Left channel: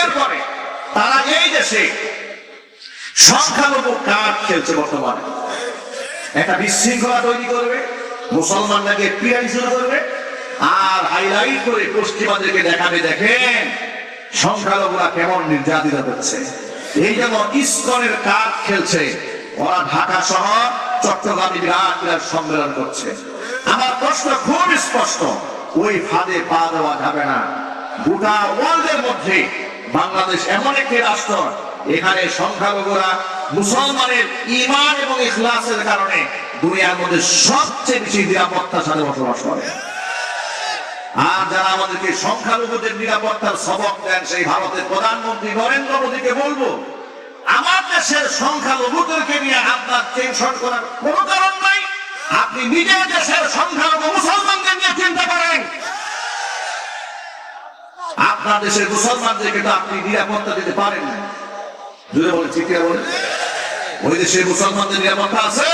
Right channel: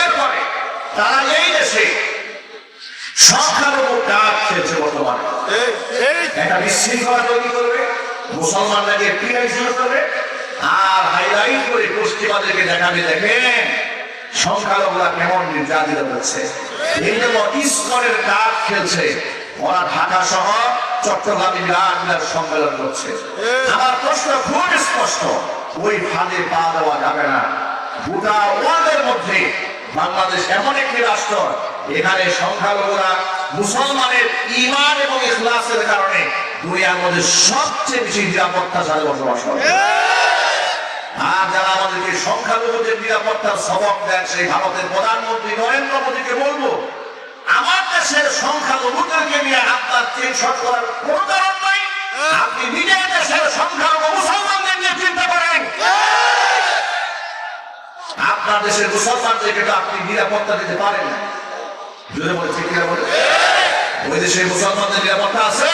এরপরে তারা এই দেশে সংখ্যালঘু কাজ খেলছে বর্তমানে। একটা বিশৃঙ্খলা তৈরি করবে, মুসলমানদেরকে পিয়াই করবে, আর হাইলাইট করে পশ্চিমাদেরকে দেখাবে দেখেন সংখ্যালঘুরা কেমন নির্যাতিত হচ্ছে। এই জন্য ইসকনের কাজ খেলছে। ওরা ঢাকা শহর চট্টগ্রামে বিরাট বিরাট সম্মেলন করছে। আমার প্রশ্ন খুব স্পষ্ট, ওই ফাঁদে পা দেওয়া যাবে না। গোটা ওয়ার্ল্ডের মধ্যে বাংলাদেশ এমন একটি রাষ্ট্র, এখানে সংখ্যালঘুরা মুসলমানের ঈমান এবং ইখলাসের কারণে দুনিয়ার মধ্যে সবচেয়ে বেশি নিরাপত্তার সাথে বসবাস করে। আর যারা আমাদেরকে সংখ্যালঘুদের নিরাপত্তার সবক দেন, সেই ভারতের প্রধানমন্ত্রী নরেন্দ্র মোদীকে বলবো, আমার দেশের সংখ্যালঘুদেরকে নিয়ে আপনার টেনশন করার কোনো কারণ নাই। আপনি নিজের দেশের সংখ্যালঘু মুসলমানদের নিয়ে চিন্তা করেন। আপনার দেশের মুসলমানদেরকে তো আপনি নিরাপত্তা দিতে পারেন না। জোরে বলে ঠিক বলে, ওই দেশের মুসলমানদের নিরাপত্তা আছে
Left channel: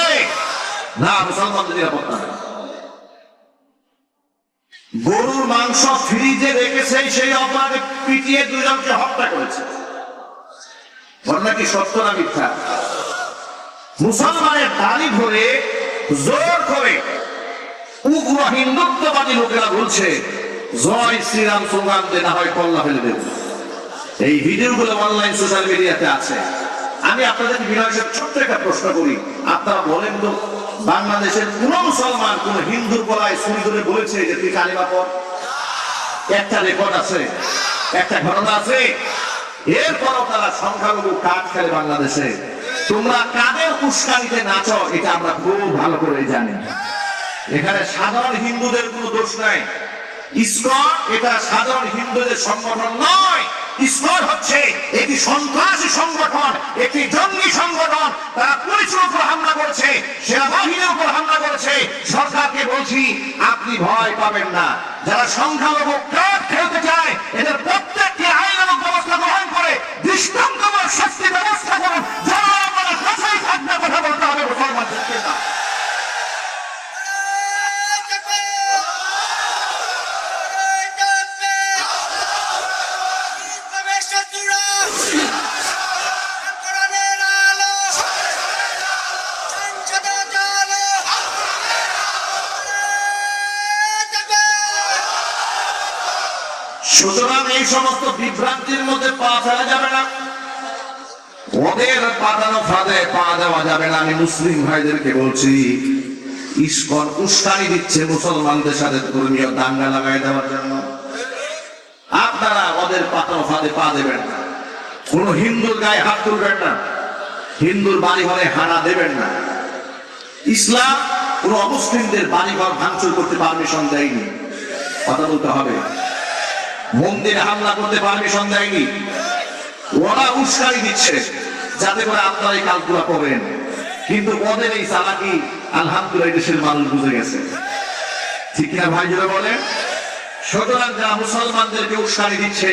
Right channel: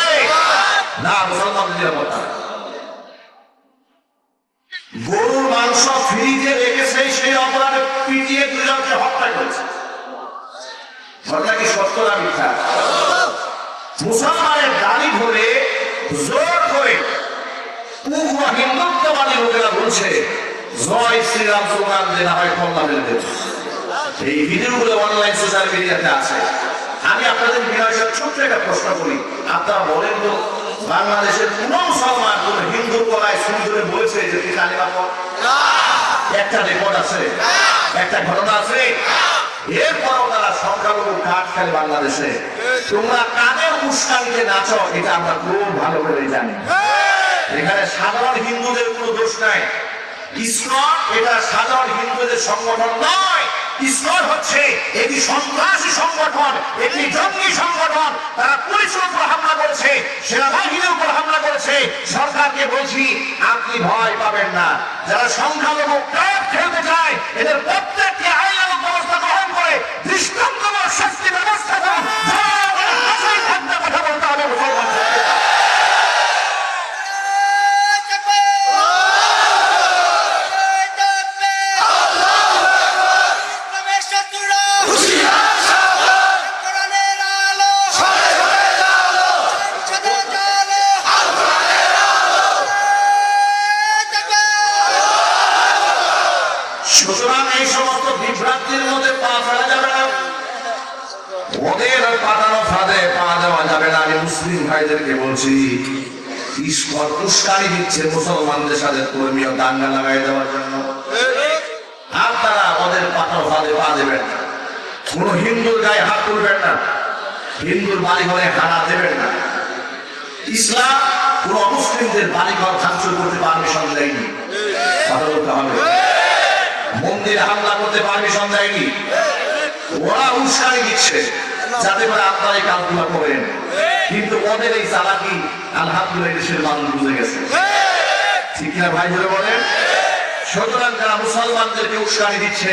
না? মুসলমানদের নিরাপত্তা গরুর মাংস ফ্রিজে রেখেছে, সেই অপরাধে পিটিয়ে দুজনকে হত্যা করেছে। ঘটনা কি সত্য না মিথ্যা? মুসলমানের দাড়ি ধরে জোর করে উগ্র হিন্দুত্ববাদী লোকেরা বলছে জয় শ্রীরাম স্লোগান দিয়ে না হয় কল্লা ফেলে দেবে। এই ভিডিওগুলো অনলাইন সোশ্যাল মিডিয়াতে আছে। আমি আপনাদের বিনয়ের ছোট্ট একটা প্রশ্ন করি, আপনারা বলেন তো, বাংলাদেশের কোন মুসলমান কোন হিন্দু কলায় শুরু করে বলেছে যে তুই কালিমা পড়? একটা রেকর্ড আছে, একটা ঘটনা আছে। এরপরও তারা সংখ্যালঘু কাজ খেলে বাংলাদেশে। তোমরা কাদের উস্কানিতে নাচো এটা আমরা খুব ভালো করে জানি। এখানে সাধারণ হিন্দুদের কোনো দোষ নাই। ইসকন এটা সাধারণ হিন্দুদের সংগঠন নয়। ইসকন হচ্ছে একটি সন্ত্রাসী সংগঠন, একটি জঙ্গি সংগঠন। তারা পুলিশের উপর হামলা করেছে, সেনাবাহিনীর উপর হামলা করেছে। সরকারকে বলছি, আপনি ভয় পাবেন না। যারা সংখ্যালঘু কার্ড খেলতে চায়, এদের প্রত্যেকটি আইনানুগ ব্যবস্থা গ্রহণ করে দৃষ্টান্তমূলক শাস্তি ব্যবস্থা করুন। যারা আমাদের ভাষায় থাকতে কথা বলতে হবে মুসলমানদের। সুতরাং এই সমস্ত বিভ্রান্তির মধ্যে পা ফেলা যাবে না, ওদের পাতানো ফাঁদে পা দেওয়া যাবে না। আমি মুসলিম ভাইদেরকে বলছি, ইসকন উস্কানি দিচ্ছে মুসলমানদের সাথে ধর্মীয় দাঙ্গা লাগাই দেওয়ার জন্য। আপনারা ওদের পাতানো ফাঁদে পা দেবেন না। কোন হিন্দুর গায়ে হাত তুলবেন না, হিন্দুর বাড়ি ঘরে হানা দেবেন না। ইসলাম কোন অমুসলিমদের বাড়ি ঘর ভাঙচুর করতে পারমিশন দেয়নি, কথা বলতে হবে। মন্দিরে হামলা করতে পারমিশন দেয়নি। ওরা উস্কানি দিচ্ছে যাতে করে আপনারা এই কালকুলা করেন। কিন্তু ওদের এই চালাকি আলহামদুলিল্লাহ দেশের মানুষ বুঝে গেছে, ঠিক না ভাই? যারা বলেন, সুতরাং যারা মুসলমানদেরকে উস্কানি দিচ্ছে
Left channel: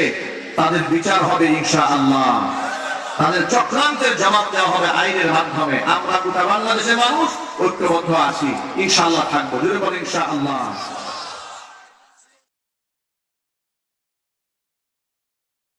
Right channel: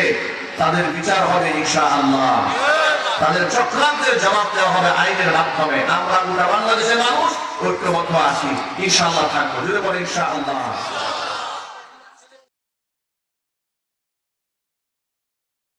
তাদের বিচার হবে ইনশাআল্লাহ। তাদের চক্রান্তের জবাব দেওয়া হবে আইনের মাধ্যমে। আমরা গোটা বাংলাদেশের মানুষ ঐক্যবদ্ধ আছি, ইনশাআল্লাহ থাকবো। যদি বলেন ইনশাআল্লাহ।